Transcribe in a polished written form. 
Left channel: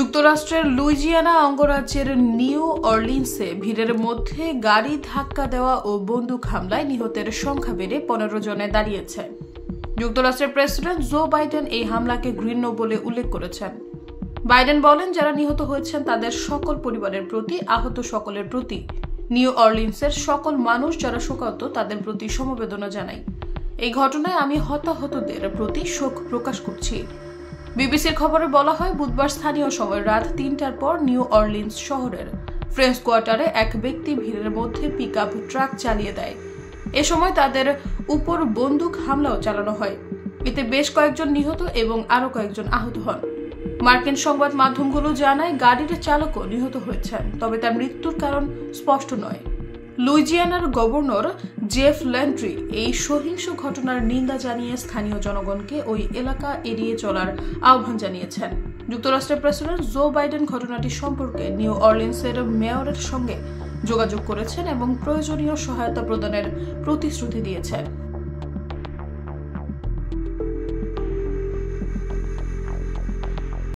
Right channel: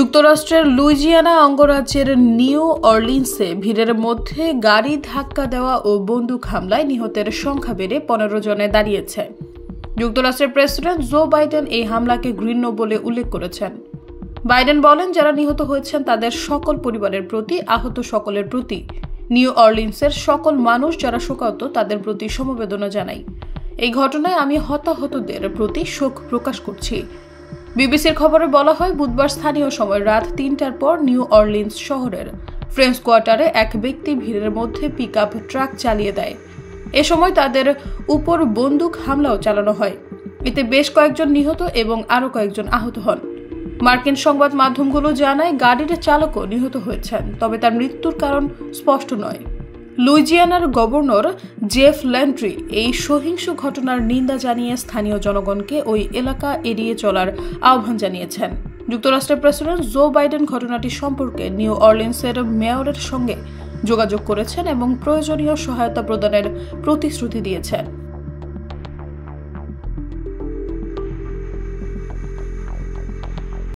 যুক্তরাষ্ট্রের লুইজিয়ানা অঙ্গরাজ্যের নিউ অরলিন্সে ভিড়ের মধ্যে গাড়ি ধাক্কা দেওয়া ও বন্দুক হামলায় নিহতের সংখ্যা বেড়ে 15 জনে দাঁড়িয়েছে। যুক্তরাষ্ট্রের প্রেসিডেন্ট জো বাইডেন এই হামলাকে ঘৃণ্য বলে উল্লেখ করেছেন। বাইডেন বলেন, যারা নিহত হয়েছেন তাদের সকল পরিবারের প্রতি, আহত সকলের প্রতি, নিউ অরলিন্সের সকল মানুষ যারা শোকাহত তাদের প্রতি সমবেদনা জানাই। এই ঘটনায় আমি হতাহতদের প্রতি শোক প্রকাশ করছি। বিবিসির খবরে বলা হয়, বুধবার স্থানীয় সময় রাত 3টার পর নিউ অরলিন্স শহরের ফ্রেঞ্চ কোয়ার্টারে এক ব্যক্তি ভিড়ের মধ্যে পিকআপ ট্রাক চালিয়ে দেয়। এ সময় তাদের উপর বন্দুক হামলাও চালানো হয়। এতে বেশ কয়েকজন নিহত এবং আরও কয়েকজন আহত হন। মার্কিন সংবাদ মাধ্যমগুলো জানায় গাড়ির চালকও নিহত হয়েছেন, তবে তার মৃত্যুর কারণ স্পষ্ট নয়। লুইজিয়ানার গভর্নর জেফ ল্যান্ড্রি এই সহিংস ঘটনার নিন্দা জানিয়ে স্থানীয় জনগণকে ওই এলাকা এড়িয়ে চলার আহ্বান জানিয়েছেন। যুক্তরাষ্ট্রের প্রেসিডেন্ট জো বাইডেন ঘটনাটি সম্পর্কে নিউ অরলিন্সের মেয়রের সঙ্গে যোগাযোগ করেছেন এবং প্রয়োজনীয় সহায়তা প্রদানের প্রতিশ্রুতি দিয়েছেন।